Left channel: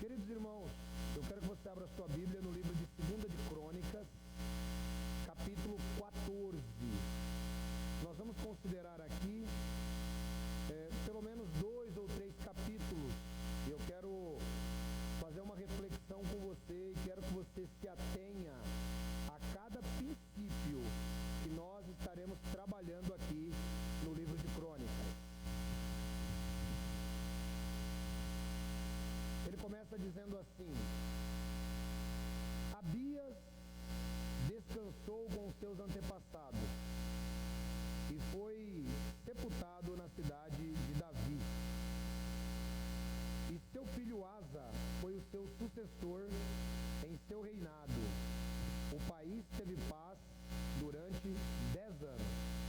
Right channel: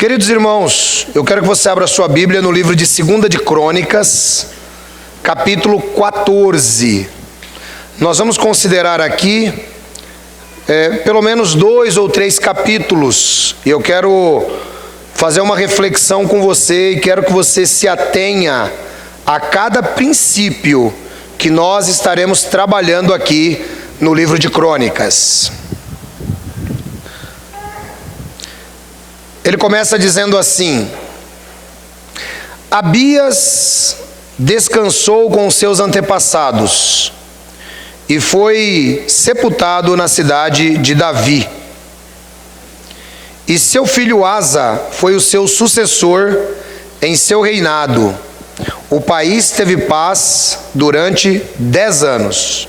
Queridos irmãos, eu quero que você abra sua Bíblia no livro de 2 de Crônicas, capítulo 14. Nós vamos considerar aqui pelo menos 2 ou 3 capítulos. E eu quero fazer uma reflexão com você e quero que você se atenha a cada princípio que nós estaremos trabalhando aqui no livro de Crônicas. Ele começa dizendo assim: Abias descansou com seus antepassados e foi sepultado na cidade de Davi. E seu filho Asa foi o seu sucessor em seu reinado. O país teve paz durante 10 anos.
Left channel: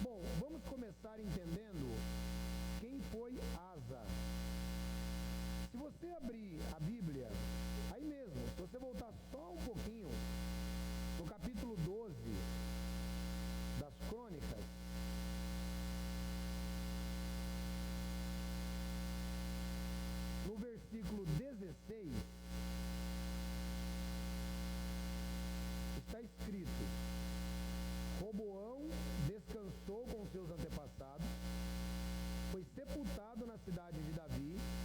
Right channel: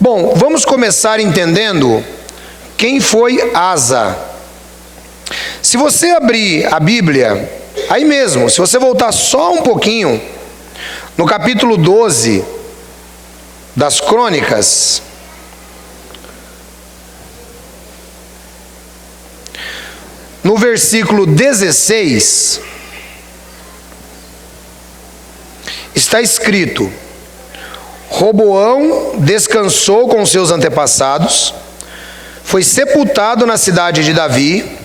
Bom, vamos começar entendendo quem foi Asa. Se você abrir a Bíblia, aí mesmo, se você voltar só um pouquinho, no capítulo 12 das Crônicas, no versículo 16, está escrito: Roboão descansou com seus antepassados, foi sepultado na cidade de Davi.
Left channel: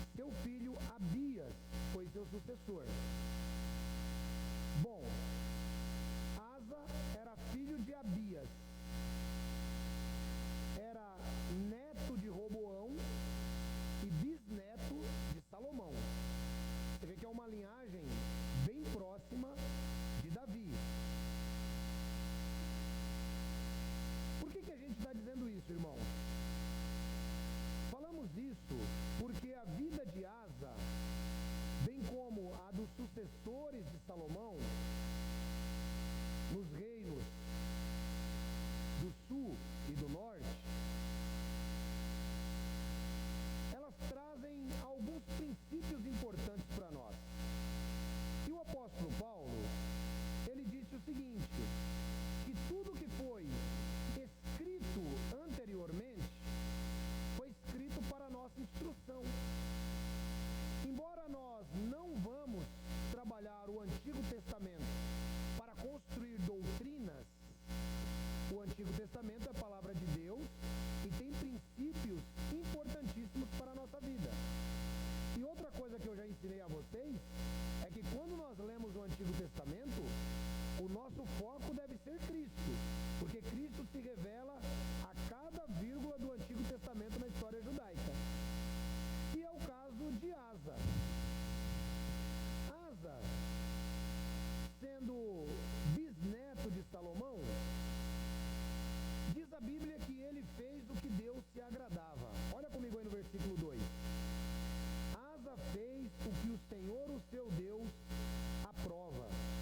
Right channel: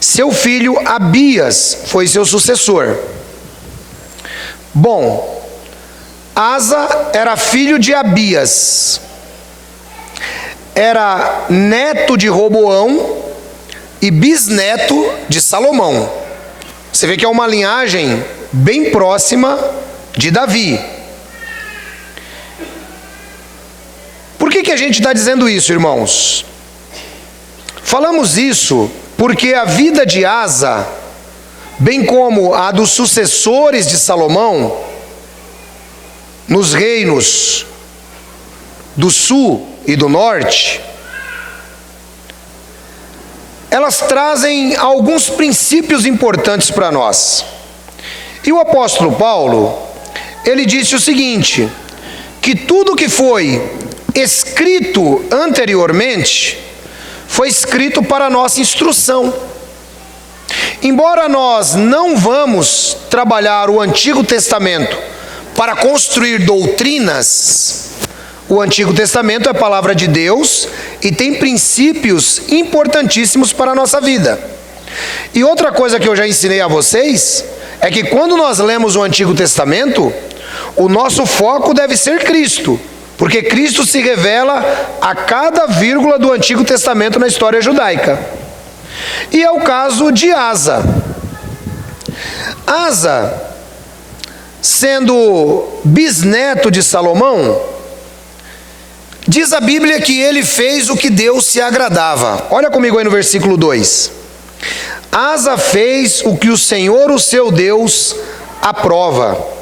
Seu filho Abias foi seu sucessor. Bom, Asa era filho de Abias, era neto de Roboão e bisneto de Salomão. Você vê que é uma linhagem bem próxima de Davi. Por que a gente está dizendo isso, irmãos? Falamos isso porque a vida de Asa, bem como a dos sucessores de Salomão, nos reinos do sul e do norte, elas trazem alguns princípios importantes para nós. E o apóstolo Paulo, ele disse o seguinte, que tudo que foi escrito anteriormente foi escrito para a nossa instrução. Embora nós não vamos trabalhar o Antigo Testamento para construir doutrinas, o Antigo Testamento é a palavra de Deus e tem princípios importantíssimos para a nossa vida. E outra coisa que eu já ensinei a vocês é que quando nós lemos o Antigo Testamento, o nosso foco deve ser Cristo, porque Cristo se revela a cada vírgula do Antigo Testamento na história judaica. E é o caso de Asa. Asa, sendo bisneto de Salomão, diz a Bíblia que ele fez o que Deus se agradava. Olha comigo aí no versículo 2. Asa fez o que o Senhor, o seu Deus, aprova.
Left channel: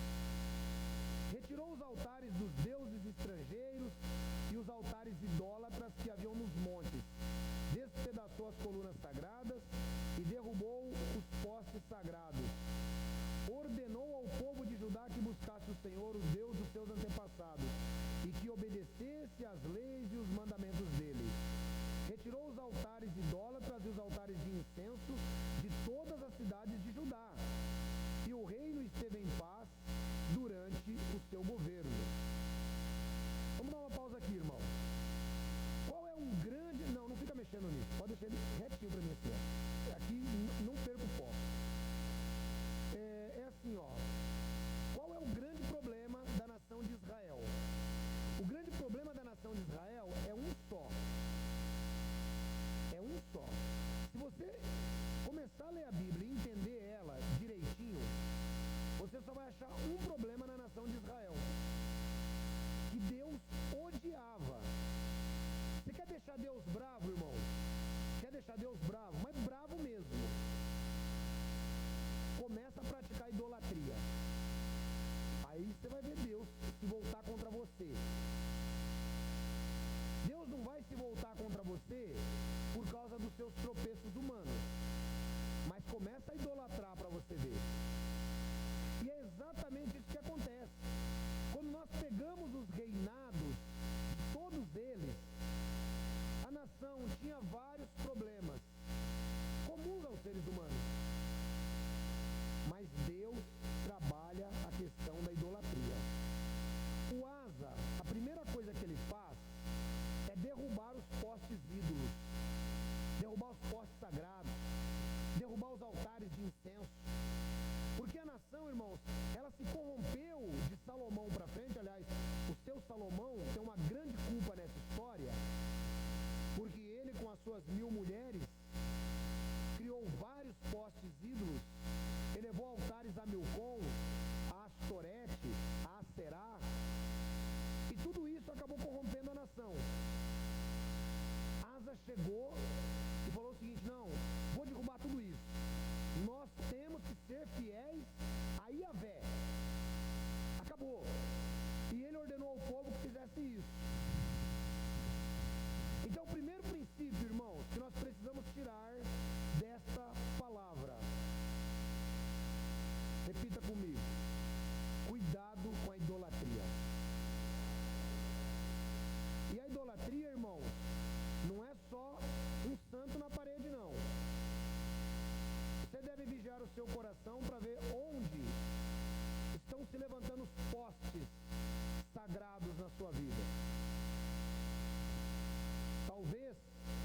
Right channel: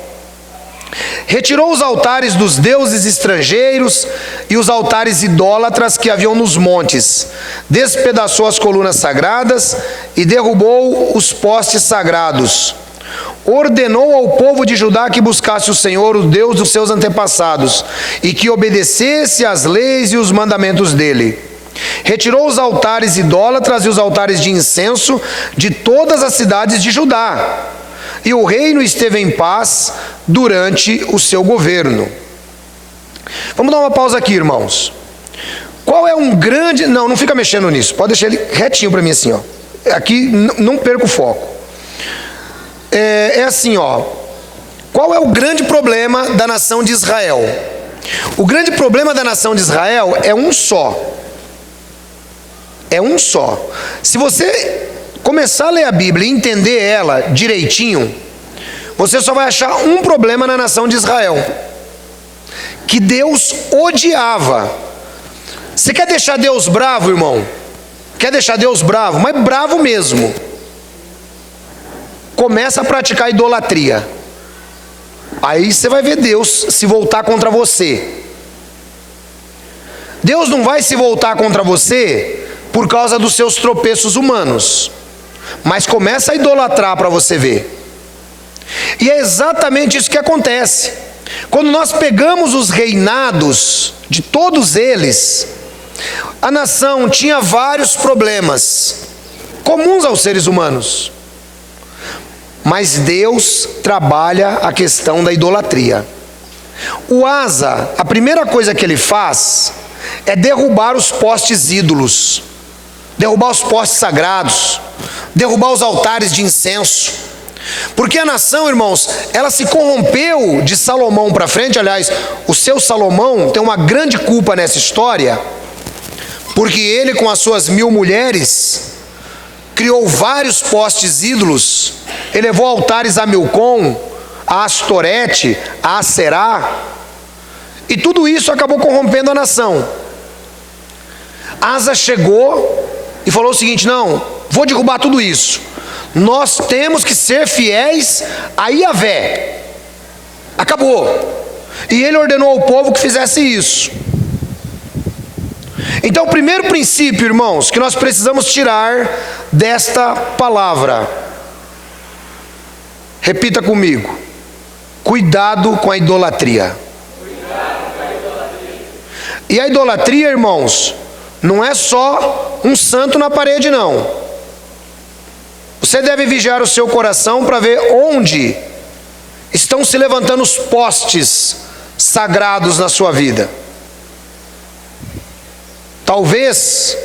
Retirou os altares dos deuses estrangeiros e os altares idólatras que haviam nos montes, despedaçou as colunas sagradas e derrubou os postes sagrados. Ordenou ao povo de Judá que buscasse o Senhor, o Deus dos seus antepassados, e que obedecesse às leis e os mandamentos dele. Retirou os altares idólatras e os altares de incenso de todas as cidades de Judá. E o reino esteve em paz durante o seu governo. Vamos dar uma pausa aqui, irmãos. Qual é um grande... Não fica mexendo nisso. Pode deixar ele retinho para mim assim, ó. Aqui não perca o foco. É assim, ó. Qual é o grande problema da nação de Israel? O grande problema da nação de Israel é um só. É um só. Se você começar a ler a Bíblia e entender ela direitinho, você só vai achar um problema na nação de Israel, que Deus odiava. Você quer deixar Deus bravo, irmão? Quer deixar Deus bravo? Mas bravo mesmo. Começa a praticar idolatria. Aí você vai ver Deus se voltar contra você. Deus não vai se voltar contra você por causa dos seus tropeços humanos, mas começa a idolatrar para você ver. E é exatamente isso que acontece. Quando nós pegamos os reinados de todos eles, a nação tinha vários problemas comuns aos seres humanos. mas Deus trabalha a questão da idolatria. O Asa, a primeira coisa que ele faz é derrubar os postes ídolos, derrubar os postes sagrados, derrubar os altares de incenso. Porque a nação, irmãos, ela se corrompeu de Salomão para frente. Aliás, o seu Salomão tem uma grande culpa nessa história, porque ele, com as suas 1000 mulheres, criou vários postes ídolos, elevou altares a Milcom, a Astorete, a Aserá, e tudo isso acabou corrompendo a nação. Asa chegou e falou o seguinte: não, vou derrubar tudo isso, nós temos que ser fiéis a Yahvé, acabou. E ele ordenou ao povo que fizesse isso. Então, o primeiro princípio, irmãos, que nós precisamos tirar desta palavra, repita comigo: cuidado com a idolatria. E a idolatria, irmãos, não é só um santo na parede, não. Você deve vigiar o seu coração para ver onde estão se levantando os postes sagrados na sua vida. Talvez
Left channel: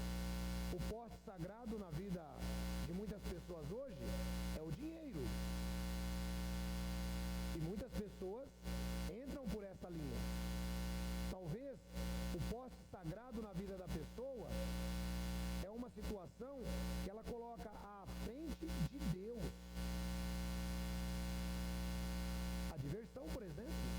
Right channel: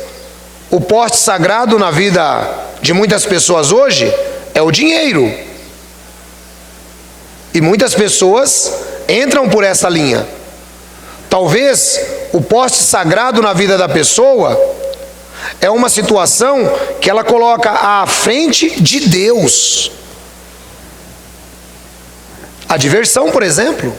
o poste sagrado na vida de muitas pessoas hoje é o dinheiro. E muitas pessoas entram por essa linha. Talvez o poste sagrado na vida da pessoa é uma situação que ela coloca à frente de Deus. A diversão, por exemplo.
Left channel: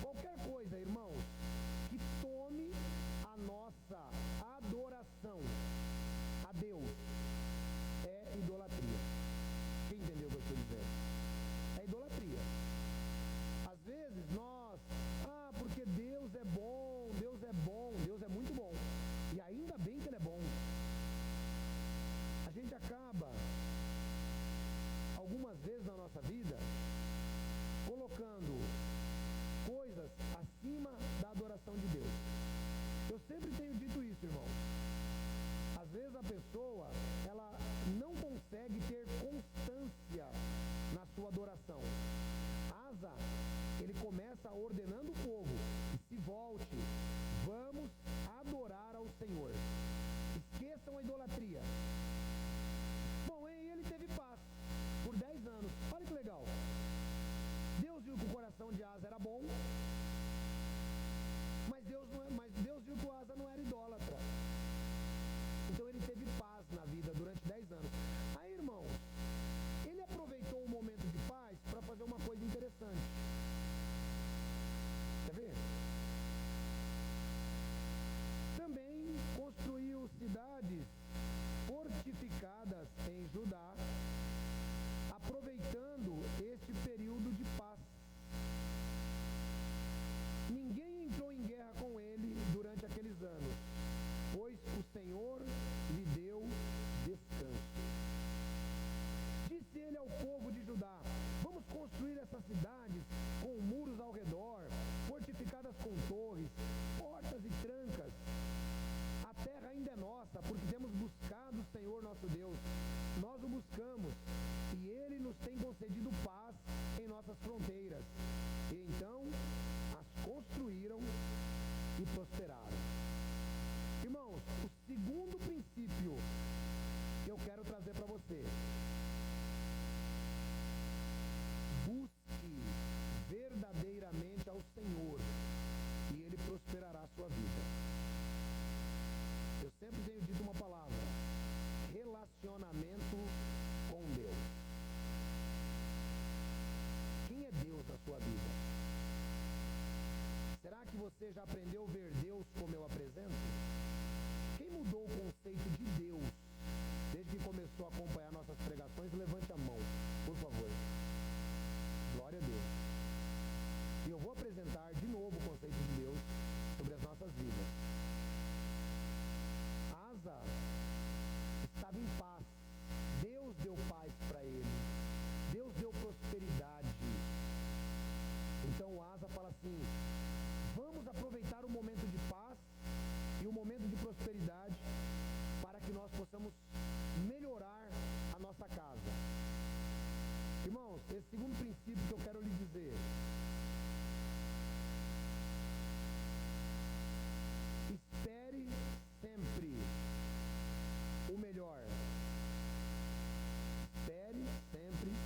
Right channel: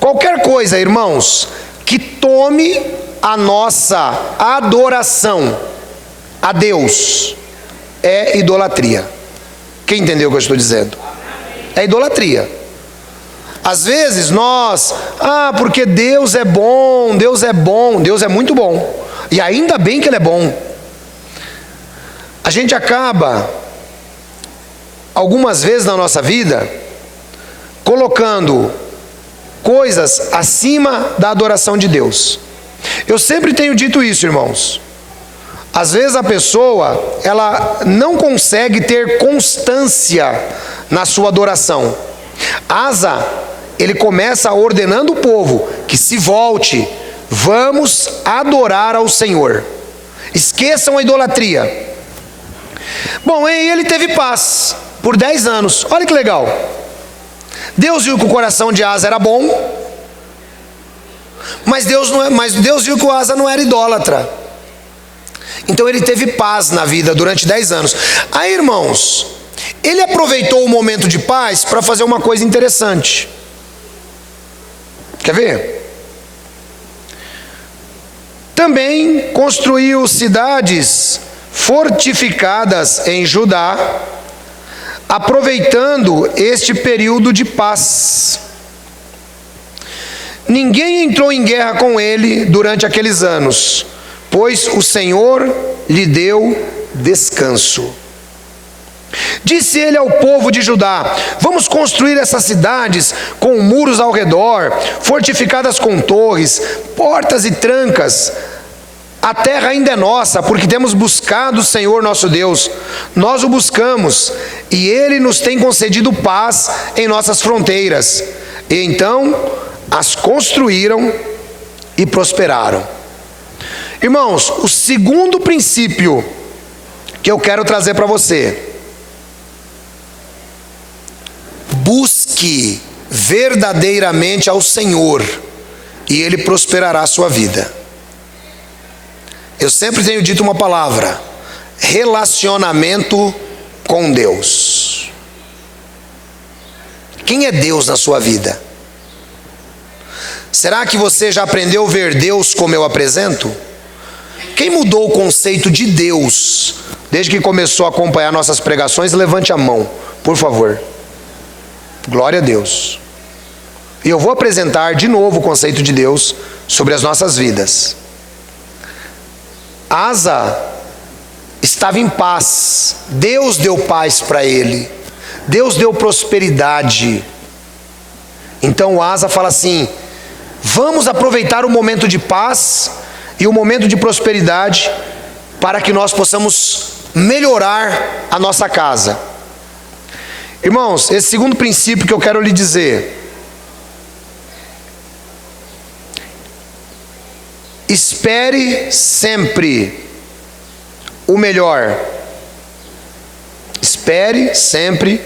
Qualquer coisa, irmãos, que tome a nossa adoração a Deus é idolatria. Quem entendeu o que eu estou dizendo? É idolatria. Às vezes nós, porque Deus é bom, Deus é bom, Deus é muito bom, e ainda bem que Ele é bom. A gente acaba, algumas vezes na nossa vida, colocando coisas acima da adoração de Deus. Eu sempre tenho dito isso, irmãos. Às vezes a pessoa, ela não consegue ter constância na sua adoração. Asa, ele começa ordenando o povo que se volte, vamos adorar ao Senhor, esqueçam a idolatria. Bom, e ele teve paz por 10 anos, olha que legal. Deus viu que o coração de Asa era bom, mas Deus viu que o Asa não era idólatra. Então ele teve paz na vida durante 10 anos. Aí, irmãos, ele aproveitou o momento de paz para fazer uma coisa interessante. Quer ver? Também construiu cidades fortificadas em Judá, aproveitando este período de paz. Ninguém entrou em guerra com ele durante aqueles anos, pois o Senhor lhe deu descanso. Disse ele ao povo de Judá: vamos construir essas cidades com muros ao redor, fortificadas com torres, portas e trancas. A terra ainda é nossa, porque temos buscado o Senhor nosso Deus. Nós o buscamos, e Ele nos tem concedido paz em nossas fronteiras. E então as construíram e prosperaram. Irmãos, o segundo princípio que eu quero trazer para você: busque verdadeiramente ao Senhor, e Ele prosperará a sua vida. Eu sempre tenho dito uma palavra: relacionamento com Deus. Quem é Deus na sua vida? Será que você já aprendeu a ver Deus como eu apresento? Quem mudou o conceito de Deus desde que começou a acompanhar nossas pregações? Levante a mão, por favor. Glória a Deus. E eu vou apresentar de novo o conceito de Deus sobre as nossas vidas. Asa estava em paz, Deus deu paz para ele, Deus deu prosperidade. Então Asa fala assim: vamos aproveitar o momento de paz e o momento de prosperidade para que nós possamos melhorar a nossa casa. Irmãos, esse segundo princípio que eu quero lhe dizer: espere sempre o melhor. Espere sempre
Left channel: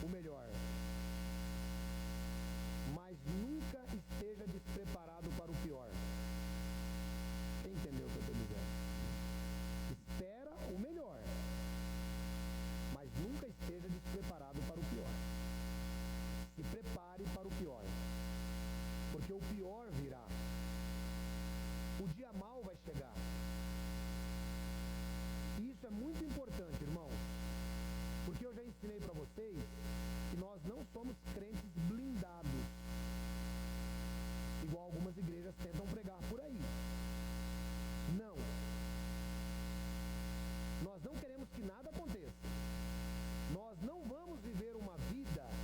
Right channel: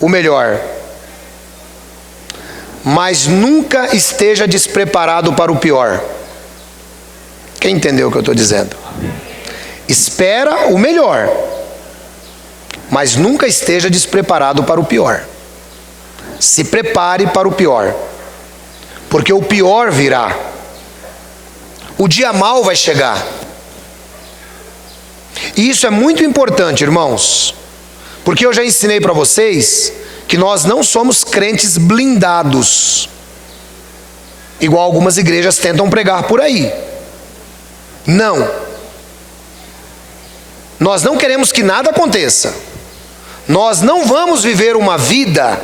o melhor, mas nunca esteja despreparado para o pior. Quem entendeu o que eu estou dizendo? Espera o melhor, mas nunca esteja despreparado para o pior. Se prepare para o pior, porque o pior virá. O dia mau vai chegar. E isso é muito importante, irmãos, porque eu já ensinei para vocês que nós não somos crentes blindados, igual algumas igrejas tentam pregar por aí. Não. Nós não queremos que nada aconteça. Nós não vamos viver uma vida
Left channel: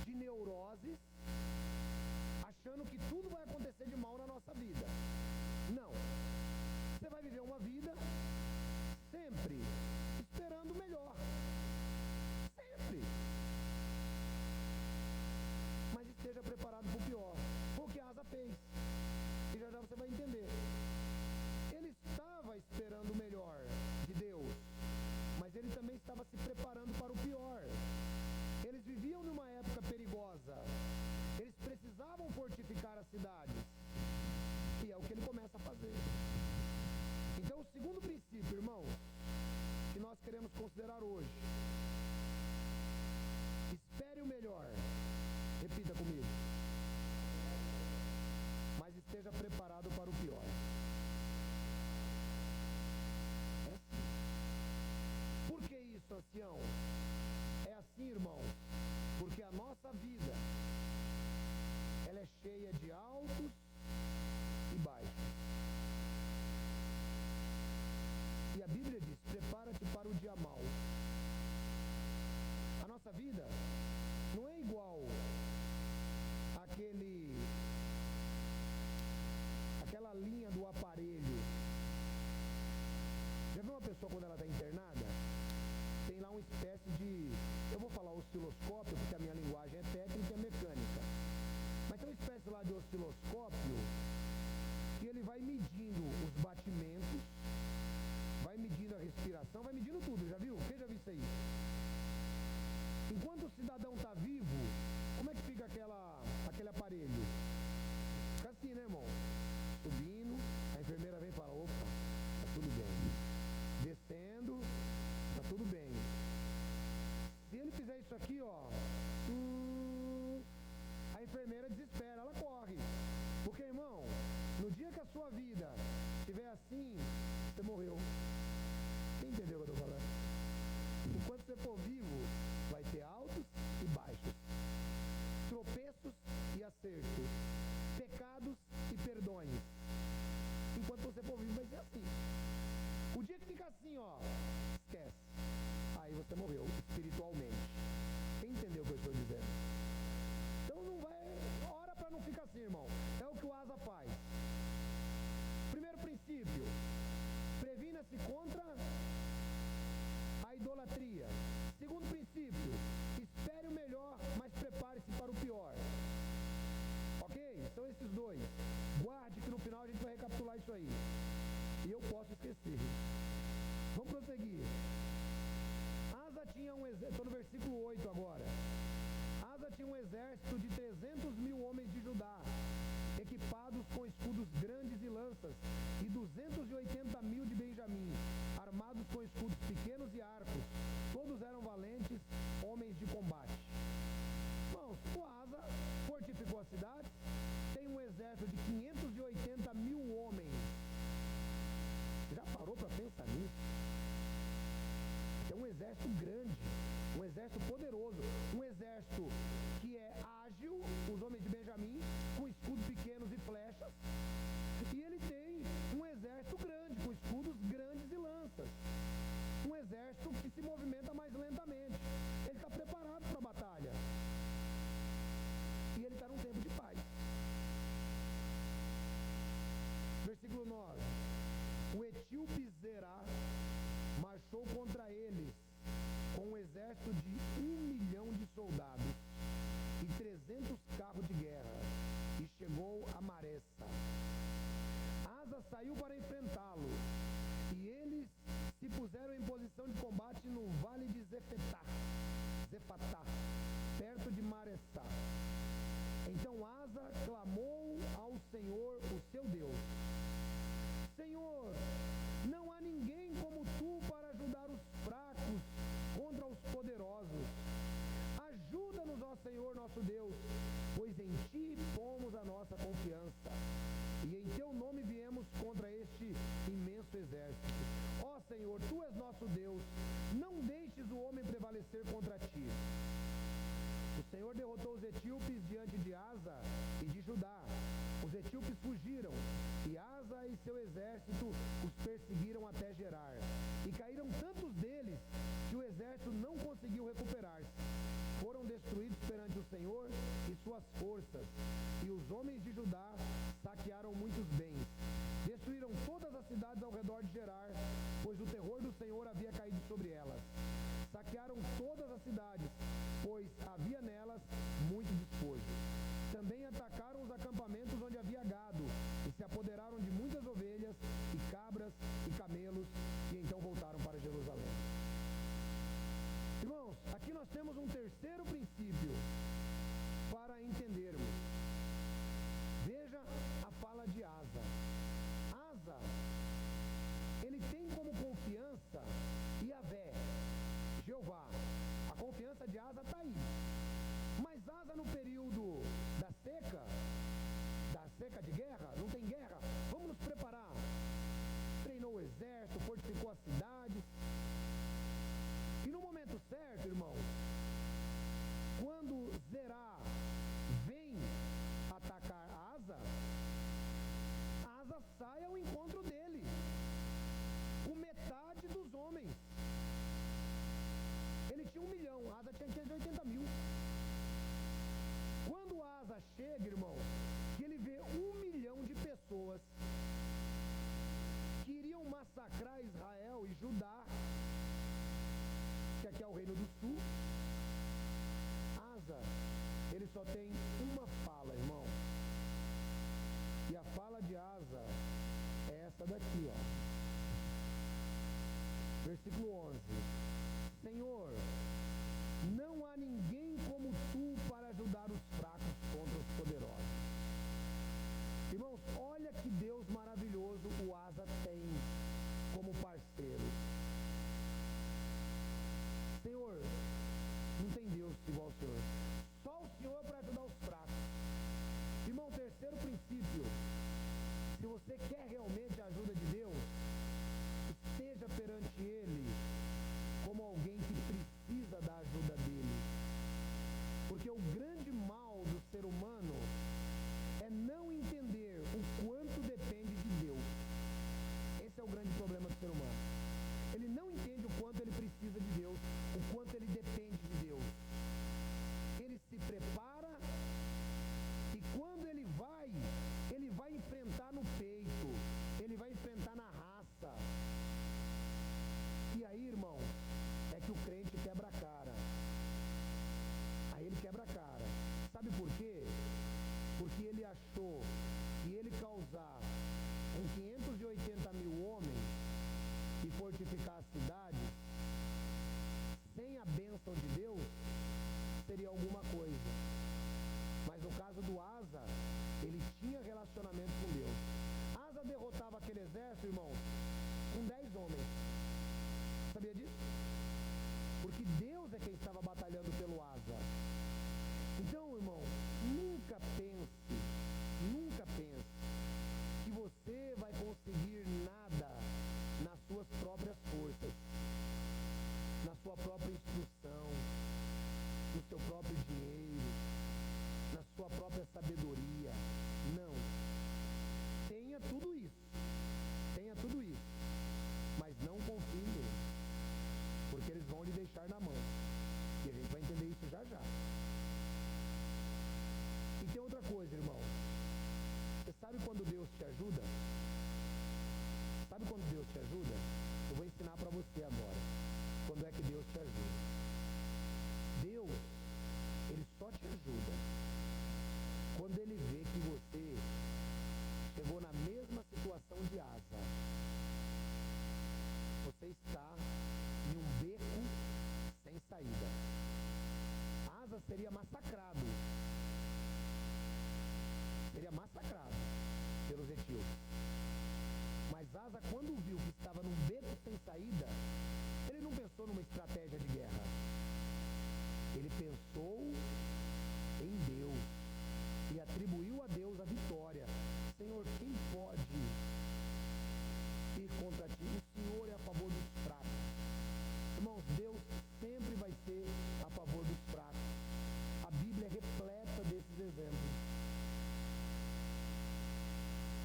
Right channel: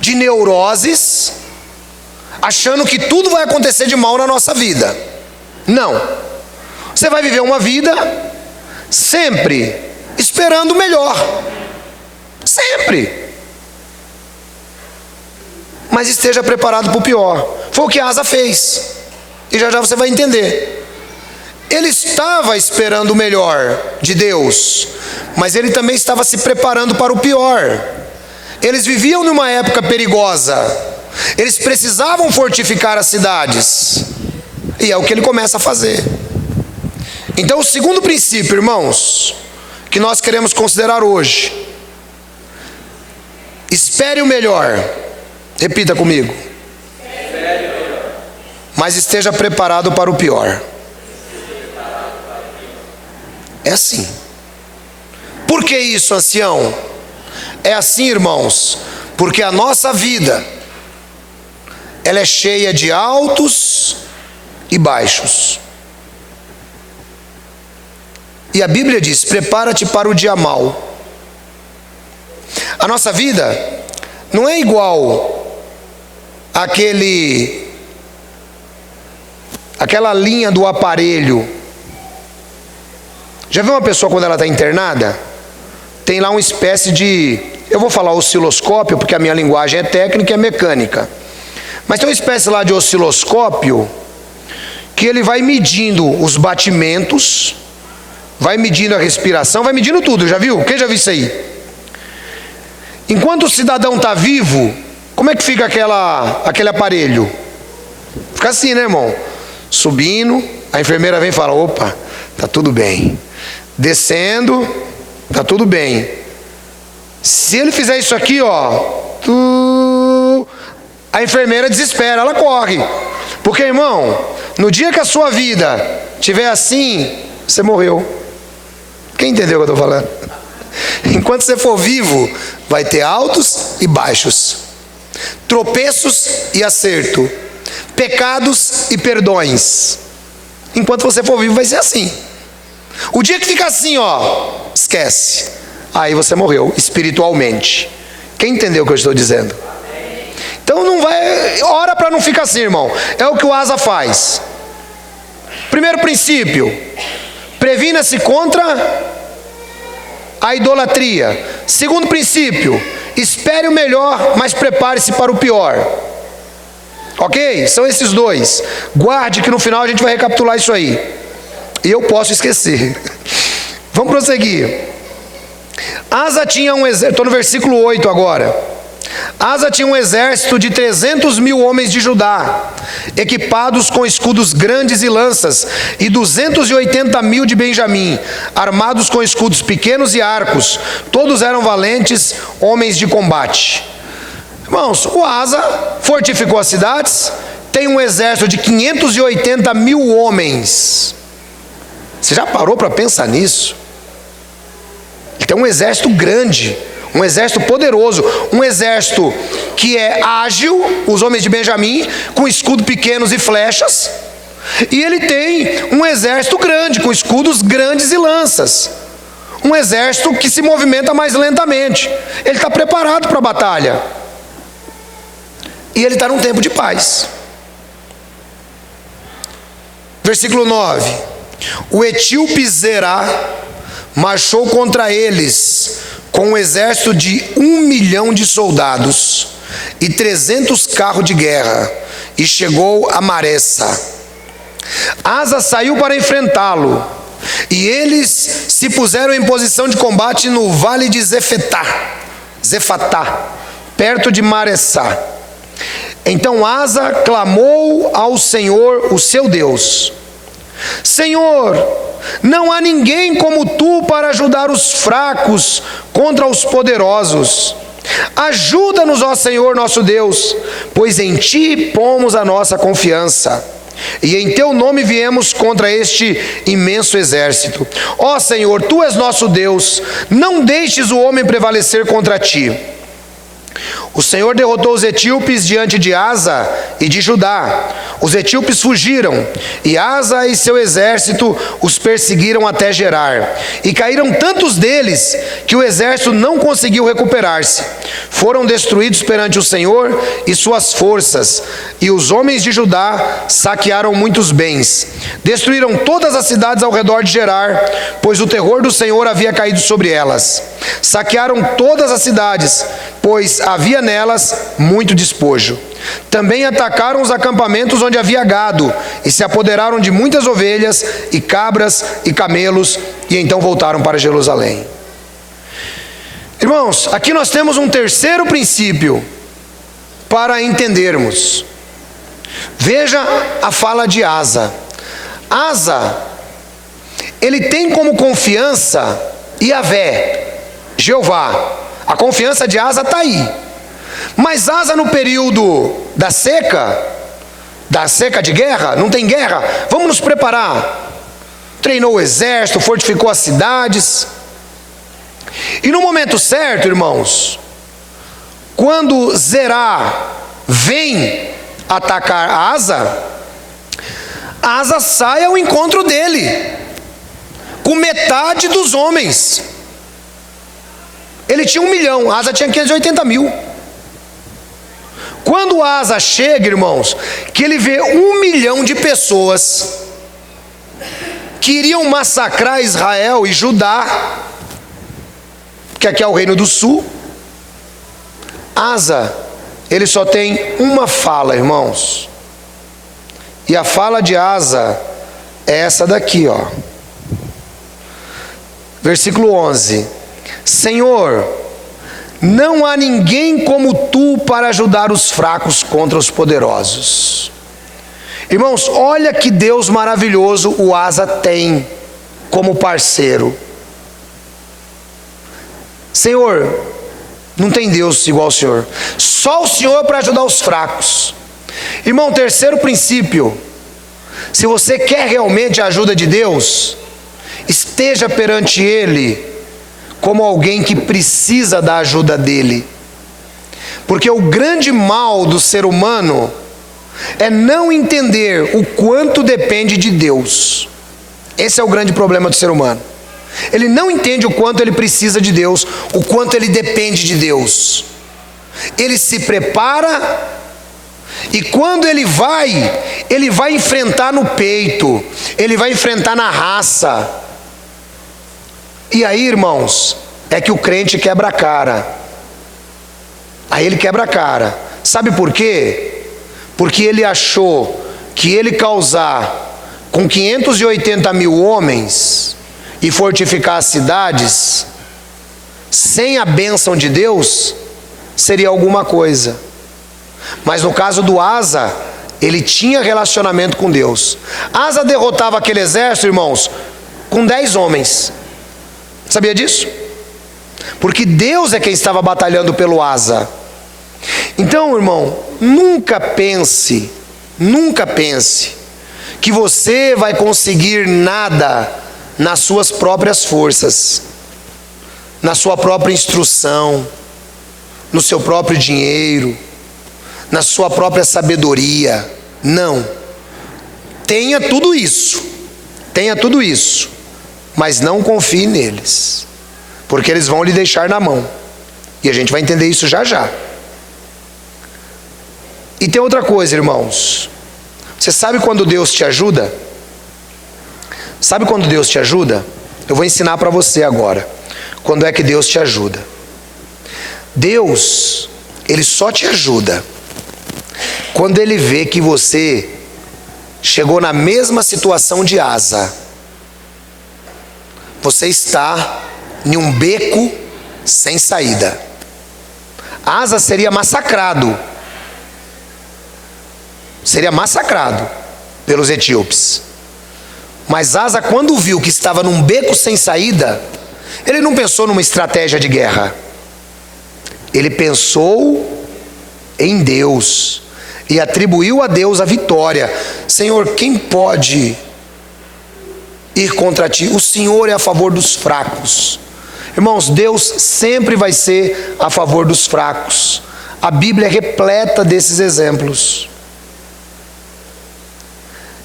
de neuroses, achando que tudo vai acontecer de mal na nossa vida. Não. Você vai viver uma vida sempre esperando o melhor. Sempre. Mas esteja preparado para o pior. Foi o que Asa fez. E já já você vai entender. Ele estava esperando o melhor de Deus, mas ele também estava se preparando para o pior. Eles viviam numa época perigosa. Eles precisavam fortificar as cidades. E é o que ele começa a fazer. Então, o segundo princípio, irmãos, que nós queremos considerar hoje: espere o melhor. Repita comigo. Mas esteja preparado para o pior. É assim. Por que isso, ancião? É assim, irmãos, porque a nossa vida, ela é cheia de altos e baixos. E a Bíblia diz: prepara-te para o dia mau. A nossa vida não é igual aquela linha do aparelho. Já viu uma pessoa quando ela está internada? Tem lá uma espécie de, eu vou falar osciloscópio, porque a minha linguagem é técnica e é mecânica. Mas tem uma espécie lá de osciloscópio que ele vai medindo os batimentos, vai medindo a respiração, vai medindo tudo. Já viu? Quem já viu isso aí? Enquanto o cidadão está vivo, como é que fica aquele aparelho? Fica assim, né, irmão? Subindo, a enfermeira vem e fala: opa, tá tudo bem. Descendo, tá tudo bem. Se ele fizer isso aqui, ó, a enfermeira desespera, ela corre. Porque, irmão, no dia que a sua vida estiver assim, você morreu. Quem entendeu o que eu estou falando? Enquanto você for vivo, vai ter altos e baixos, tropeços e acerto, pecados e perdões. Enquanto você for vivo, vai ser assim. O dia que fica assim, ó, esquece. Aí você morreu espiritualmente. Quem entendeu o que eu estou dizendo? Então não vai, ora para não ficar assim, irmão. É o que o Asa faz. Primeiro princípio: previna-se contra a idolatria. Segundo princípio: espere o melhor, mas prepare-se para o pior. Ok? São esses dois. Guarde que no final a gente vai recapitular isso aí. E eu posso esquecer. Vamos prosseguir. Asa tinha um exército, estou no versículo 8 agora. Asa tinha um exército de 300.000 homens de Judá, equipados com escudos grandes e lanças, e 280.000 de Benjamim, armados com escudos pequenos e arcos. Todos eram valentes homens de combate. Irmãos, o Asa fortificou as cidades, tem um exército de 580.000 homens. Você já parou para pensar nisso? Ele tem um exército grande, um exército poderoso, um exército que é ágil, os homens de Benjamim, com escudos pequenos e flechas. E ele tem um exército grande, com escudos grandes e lanças. Um exército que se movimenta mais lentamente. Ele está preparado para a batalha. E ele está num tempo de paz. Versículo 9: o etíope Zerá marchou contra eles com um exército de 1 milhão de soldados e 300 carros de guerra, e chegou a Maressa. Asa saiu para enfrentá-lo, e eles se puseram em posição de combate no vale de Zefatá, perto de Maressá. Então Asa clamou ao Senhor, o seu Deus: Senhor, não há ninguém como tu para ajudar os fracos contra os poderosos. Ajuda-nos, ó Senhor nosso Deus, pois em ti pomos a nossa confiança, e em teu nome viemos contra este imenso exército. Ó Senhor, tu és nosso Deus, não deixes o homem prevalecer contra ti. O Senhor derrotou os etíopes diante de Asa e de Judá. Os etíopes fugiram, e Asa e seu exército os perseguiram até Gerar. E caíram tantos deles que o exército não conseguiu recuperar-se. Foram destruídos perante o Senhor e suas forças, e os homens de Judá saquearam muitos bens. Destruíram todas as cidades ao redor de Gerar, pois o terror do Senhor havia caído sobre elas. Saquearam todas as cidades, pois havia nelas muito despojo. Também atacaram os acampamentos onde havia gado, e se apoderaram de muitas ovelhas, e cabras, e camelos, e então voltaram para Jerusalém. Irmãos, aqui nós temos um terceiro princípio para entendermos. Veja a fala de Asa. Asa, ele tem como confiança Yahvé, Jeová. A confiança de Asa está aí. Mas Asa, no período da seca de guerra, não tem guerra, vamos nos preparar. Treinou o exército, fortificou as cidades. E no momento certo, irmãos, quando Zerá vem atacar Asa, Asa sai ao encontro dele, com metade dos homens. Ele tinha 1 milhão, Asa tinha 580 mil. Quando Asa chega, irmãos, que ele vê 1 milhão de pessoas que iriam massacrar Israel e Judá, que aqui é o reino do sul, Asa, ele só tem uma fala, irmãos. E a fala de Asa é essa daqui, ó. Versículo 11: Senhor, não há ninguém como tu para ajudar os fracos contra os poderosos. Irmãos, olha que Deus maravilhoso o Asa tem como parceiro. Senhor, não tem Deus igual ao Senhor. Só o Senhor para ajudar os fracos. Irmão, terceiro princípio: se você quer realmente a ajuda de Deus, esteja perante Ele como alguém que precisa da ajuda dele. Porque o grande mal do ser humano é não entender o quanto depende de Deus. Esse é o grande problema do ser humano. Ele não entende o quanto ele precisa de Deus, o quanto ele depende de Deus. Ele se prepara, e quando ele vai enfrentar no peito, ele vai enfrentar na raça. E aí, irmãos, é que o crente quebra a cara. Aí ele quebra a cara. Sabe por quê? Porque ele achou que ele causar com 580 mil homens e fortificar as cidades, sem a bênção de Deus, seria alguma coisa. Mas no caso do Asa, ele tinha relacionamento com Deus. Asa derrotava aquele exército, irmãos, com 10 homens. Sabia disso? Porque Deus é quem estava batalhando pelo Asa. Então, irmão, nunca pense que você vai conseguir nada nas suas próprias forças, na sua própria instrução, no seu próprio dinheiro, na sua própria sabedoria. Não. Tenha tudo isso, mas não confie neles, porque eles vão lhe deixar na mão, e a gente vai entender isso já já. E tem outra coisa, irmãos. Você sabe quando Deus te ajuda? Sabe quando Deus te ajuda? Eu vou ensinar para você agora. quando é que Deus te ajuda. Deus, Ele só te ajuda quando Ele vê que você chegou na mesma situação de Asa. Você está em um beco sem saída. Asa seria massacrado pelos etíopes. Mas Asa, quando viu que estava num beco sem saída, ele não pensou numa estratégia de guerra. Ele pensou em Deus e atribuiu a Deus a vitória. Senhor, quem pode ir contra ti? O Senhor é a favor dos fracos. Irmãos, Deus sempre vai ser a favor dos fracos. A Bíblia é repleta desses exemplos.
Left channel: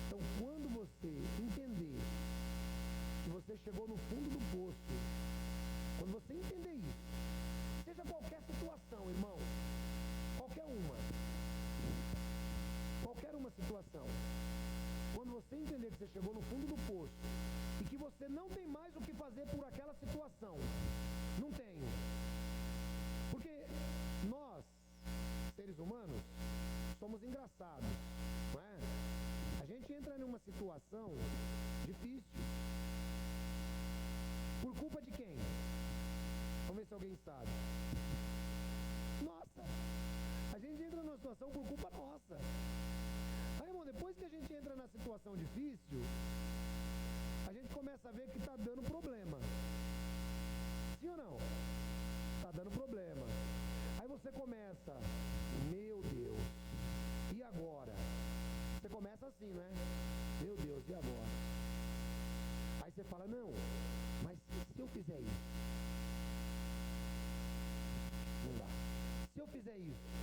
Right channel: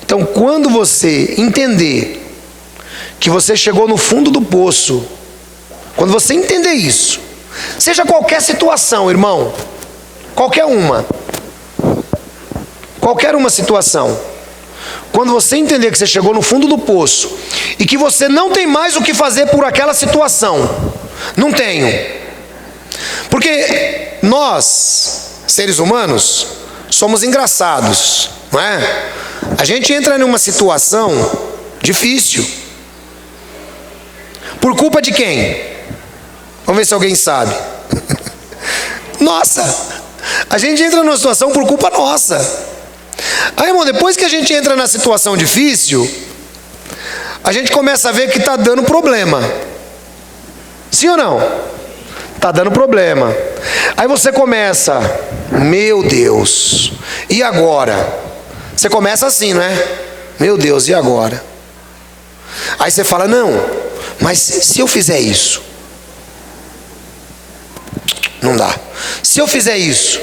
Então, quando você entender que você chegou no fundo do poço, quando você entender isso, seja qualquer situação, irmão, qualquer uma situação, quando você entender que você chegou no fundo do poço e que você não tem mais o que fazer por aquela situação, não tenho, porque nós, seres humanos, somos engraçados, não é? A gente entra numa situação difícil. Por culpa de quem? Vamos ver se alguém sabe. Nossa! A gente entra numa situação por culpa nossa. Aí, irmão, depois que a gente entra na situação difícil, a gente começa a ver que está dando problema. Sim ou não? Está dando problema. Aí você começa, meu Deus, e agora? Você começa assim, não é? Meu Deus, e agora? Aí você fala, não, mas se eu fizer isso? Não dá. Se eu fizer isso?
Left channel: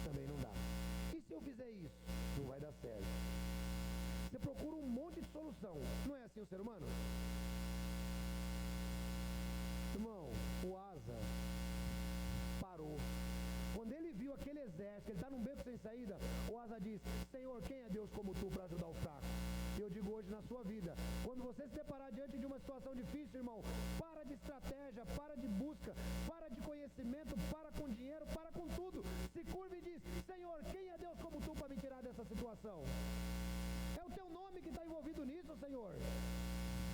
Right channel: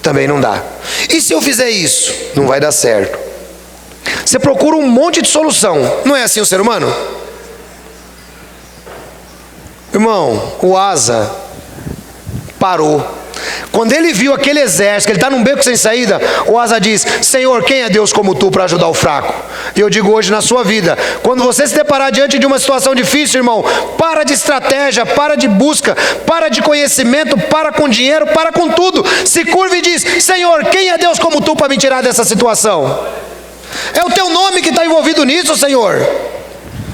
Também não dá. E se eu fizer isso? Não vai dar certo. Você procura um monte de solução. Não é assim o ser humano? Irmão, o Asa parou. Quando ele viu aquele exército, ele está num beco sem saída, o Asa diz, Senhor, quem é Deus como tu para ajudar o fraco? E eu digo hoje na sua vida, quando você se deparar diante de uma situação difícil, irmão, para de estratégia, para de busca, para de conhecimento, para com dinheiro, para com tudo, se curva e diz, Senhor, quem é Deus como tu para me tirar dessa situação? É o teu nome que está envolvido nisso, Senhor.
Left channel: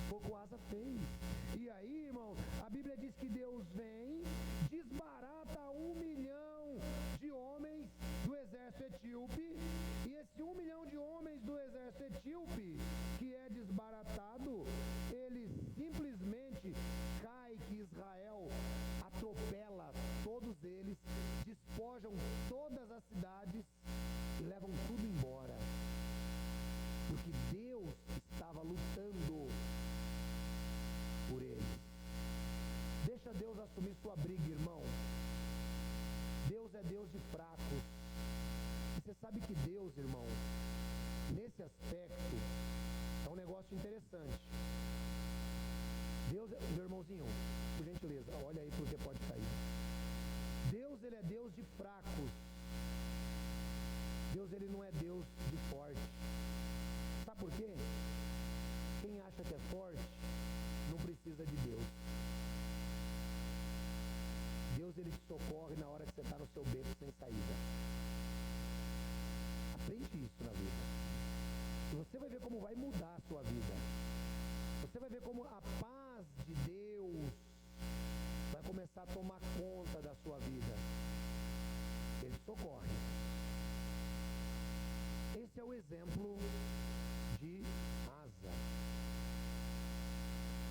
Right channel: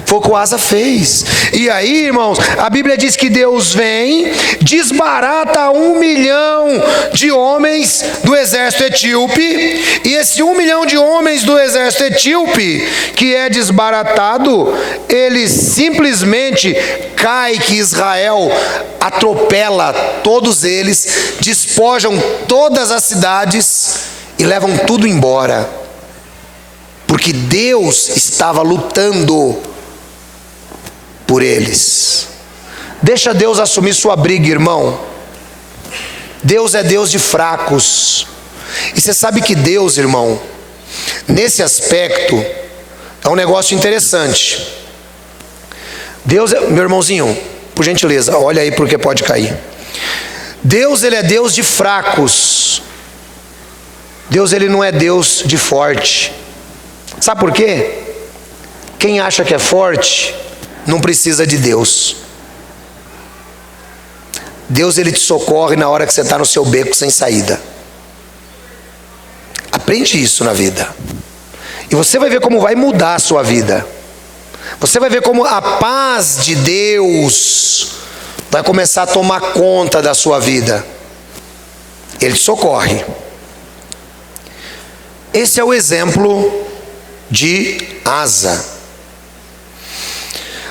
Foi o que o Asa fez. E aí, irmãos, a Bíblia diz que Deus vem, desbarata 1 milhão de homens do exército etíope, e esse 1 milhão de homens do exército etíope, que é desbaratado, ele simplesmente cai, que Israel atropela todos eles, despojam todas as cidades e levam tudo embora, porque Deus estava lutando por eles. Deixa Deus assumir sua briga, irmão. Deus é Deus de fracos. E você sabe que Deus, irmão, nesse aspecto, é um negócio interessante. Deus, meu irmãozinho, por gentileza, olha aí porque pode cair. Deus, ele é Deus de fracos. Deus, ele não é Deus de forte. Sabe por quê? Quem acha que é forte não precisa de Deus. Deus, ele te socorre na hora que você está no seu beco sem saída. Aprende isso na vida. E você vai ver como vai mudar a sua vida. Você vai ver como a paz de Deus vai começar a tomar conta da sua vida. Ele te socorre. Esse é o exemplo de Asa.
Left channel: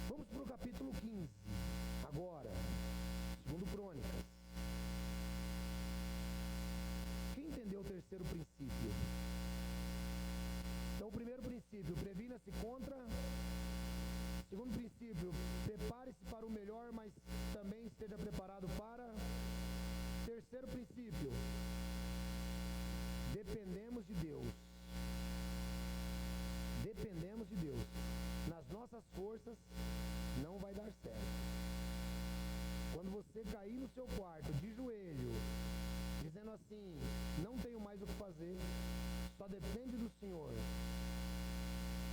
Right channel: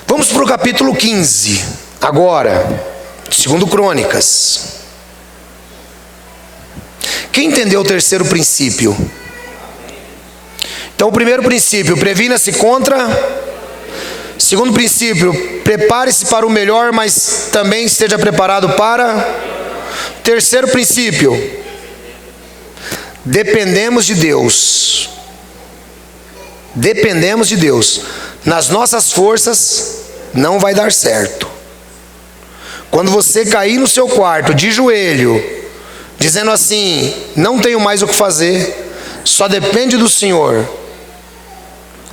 Vamos para o capítulo 15, agora, 2 Crônicas. Quem entendeu o terceiro princípio? Então, o primeiro princípio, previna-se contra. Segundo princípio, prepare-se para o melhor, mas também esteja preparado para. Terceiro princípio, dependemos de Deus. Dependemos de Deus. Nas nossas forças não vai dar certo. Quando você cair no seu quarto de joelho, dizendo assim, não tenho mais o que fazer, só depende do Senhor,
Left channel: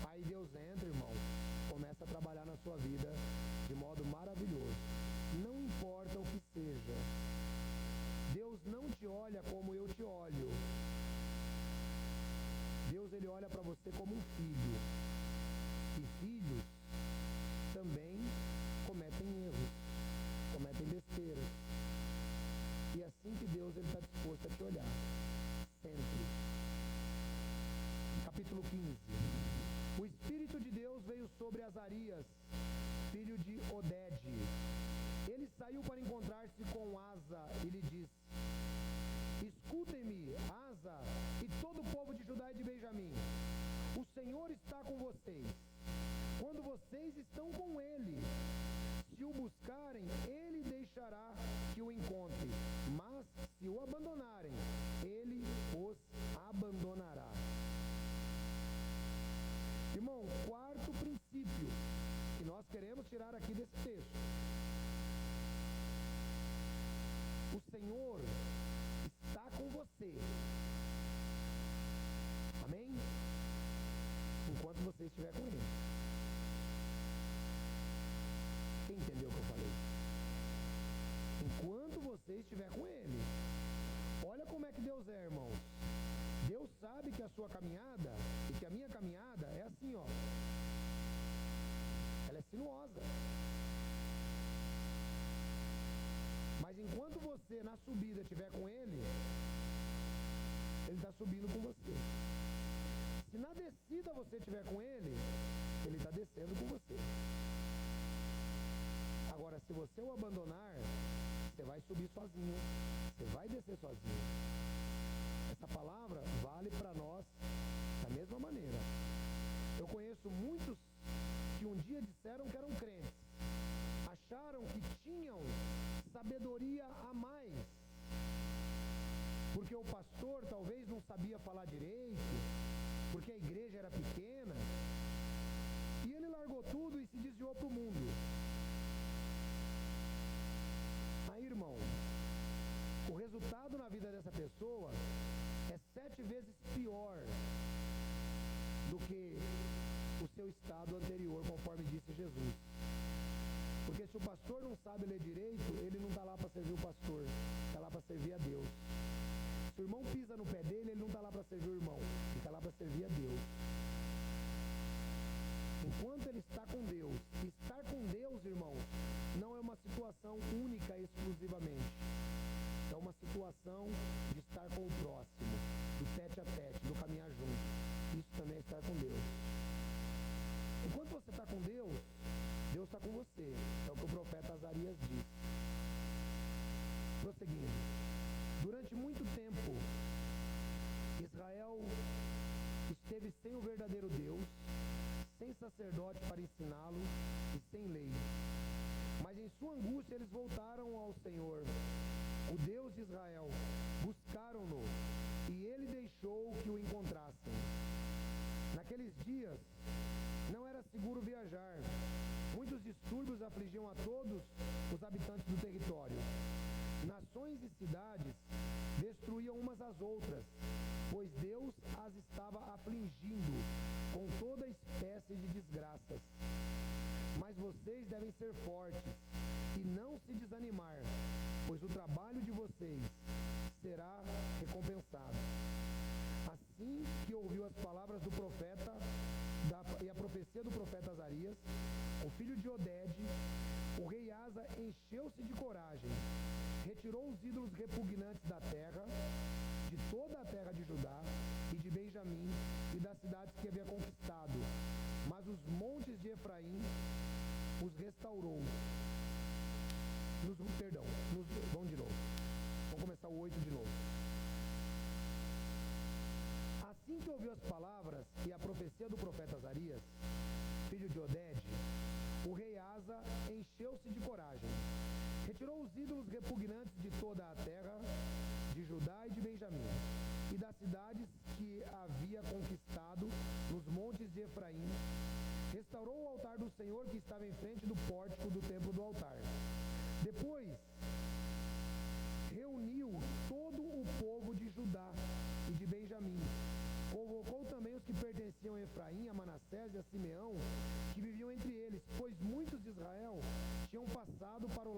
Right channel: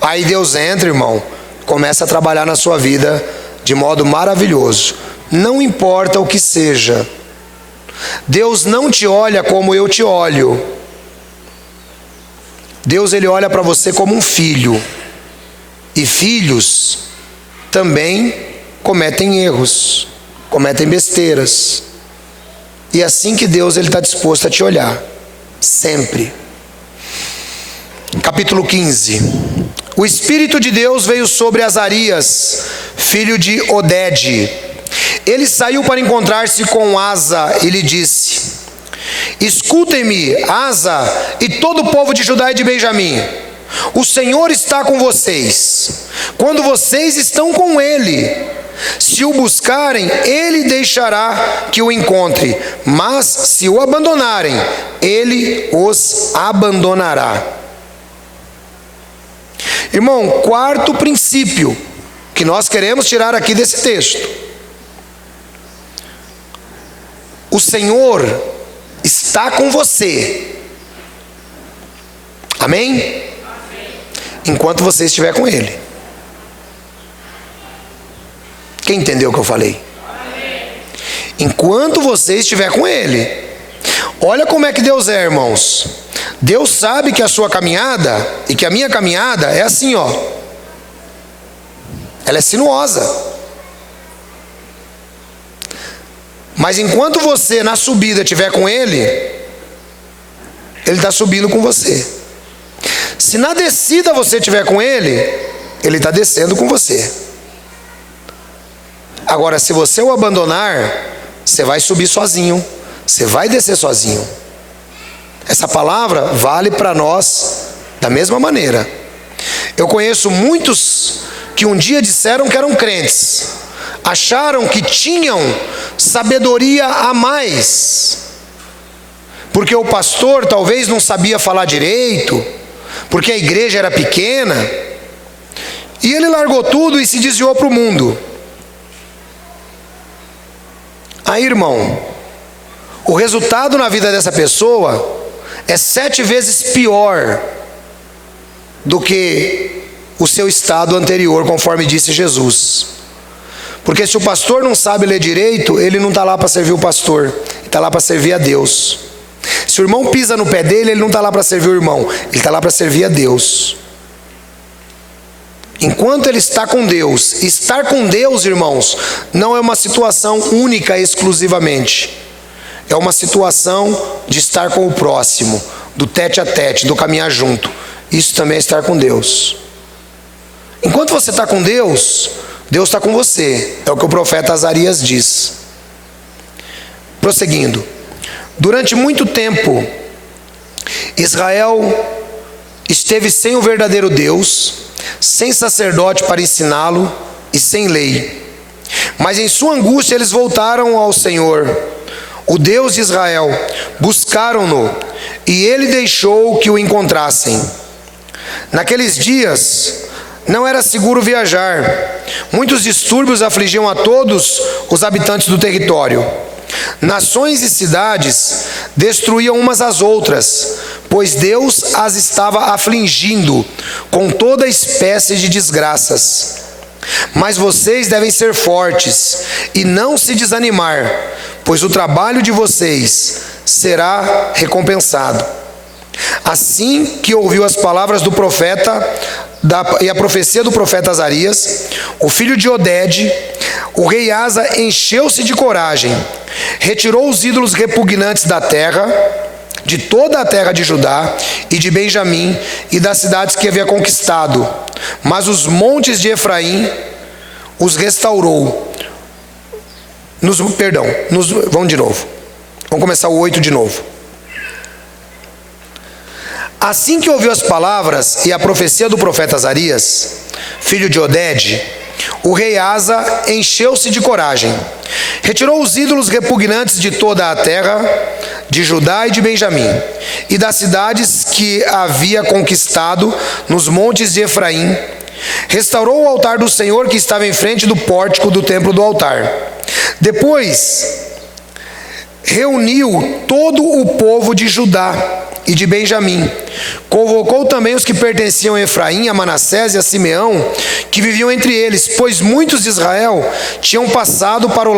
aí Deus entra, irmão, começa a trabalhar na sua vida de modo maravilhoso. não importa o que seja. Deus não te olha como eu te olho. Deus, ele olha para você como um filho. E filhos também cometem erros, cometem besteiras. E é assim que Deus está disposto a te olhar, sempre. Capítulo 15. O Espírito de Deus veio sobre Azarias, filho de Odede. Ele saiu para encontrar-se com Asa e lhe disse: escutem-me, Asa e todo o povo de Judá e de Benjamim. O Senhor está com vocês, quando vocês estão com Ele. Se o buscarem, Ele deixará que o encontre, mas se o abandonarem, Ele os abandonará. Irmão, quarto princípio que nós queremos tirar aqui desse texto: o Senhor está com você. Amém? Enquanto você estiver com Ele. Quem entendeu o que eu falei? Enquanto você estiver com Ele. Olha como é que Deus é, irmãos. Deus sabe que a sua caminhada e que a minha caminhada é assim, ó. Ela é sinuosa. Mas enquanto você na subida estiver com Ele, Ele está subindo com você. Se na descida você estiver com Ele, Ele está descendo com você. Agora, se você o abandonar, você vai subir sozinho, você vai descer sozinho. Essa palavra vale para nós da mesma maneira. Eu conheço muitos que um dia disseram que eram crentes, acharam que tinham sabedoria a mais, porque o pastor talvez não sabia falar direito, porque a igreja era pequena, e ele largou tudo e se desviou para o mundo. Aí, irmão, o resultado na vida dessa pessoa é 7 vezes pior do que o seu estado anterior, conforme disse Jesus. Porque se o pastor não sabe ler direito, ele não está lá para servir o pastor, ele está lá para servir a Deus. Se o irmão pisa no pé dele, ele não está lá para servir o irmão, ele está lá para servir a Deus. Enquanto ele está com Deus, estar com Deus, irmãos, não é uma situação única exclusivamente. É uma situação de estar com o próximo, do tete a tete, do caminhar junto. Isso também é estar com Deus. Enquanto você está com Deus, Deus está com você. É o que o profeta Azarias diz. Prosseguindo. Durante muito tempo, Israel esteve sem o verdadeiro Deus, sem sacerdote para ensiná-lo e sem lei. Mas em sua angústia eles voltaram ao Senhor, o Deus de Israel, buscaram-no e ele deixou que o encontrassem. Naqueles dias não era seguro viajar. Muitos distúrbios afligiam a todos os habitantes do território. Nações e cidades destruíam umas às outras, pois Deus as estava afligindo com toda espécie de desgraças. Mas vocês devem ser fortes e não se desanimar, pois o trabalho de vocês será recompensado. Assim que ouviu as palavras do profeta e a profecia do profeta Azarias, o filho de Odede, o rei Asa encheu-se de coragem, retirou os ídolos repugnantes da terra, de toda a terra de Judá e de Benjamim e das cidades que havia conquistado, mas os montes de Efraim os restaurou. Vamos de novo. Vamos começar o 8 de novo. Assim que ouviu as palavras e a profecia do profeta Azarias, filho de Odede, o rei Asa encheu-se de coragem, retirou os ídolos repugnantes de toda a terra, de Judá e de Benjamim, e das cidades que havia conquistado nos montes de Efraim, restaurou o altar do Senhor que estava em frente do pórtico do templo do altar. Depois reuniu todo o povo de Judá e de Benjamim, convocou também os que pertenciam a Efraim, a Manassés e a Simeão, que viviam entre eles, pois muitos de Israel tinham passado para o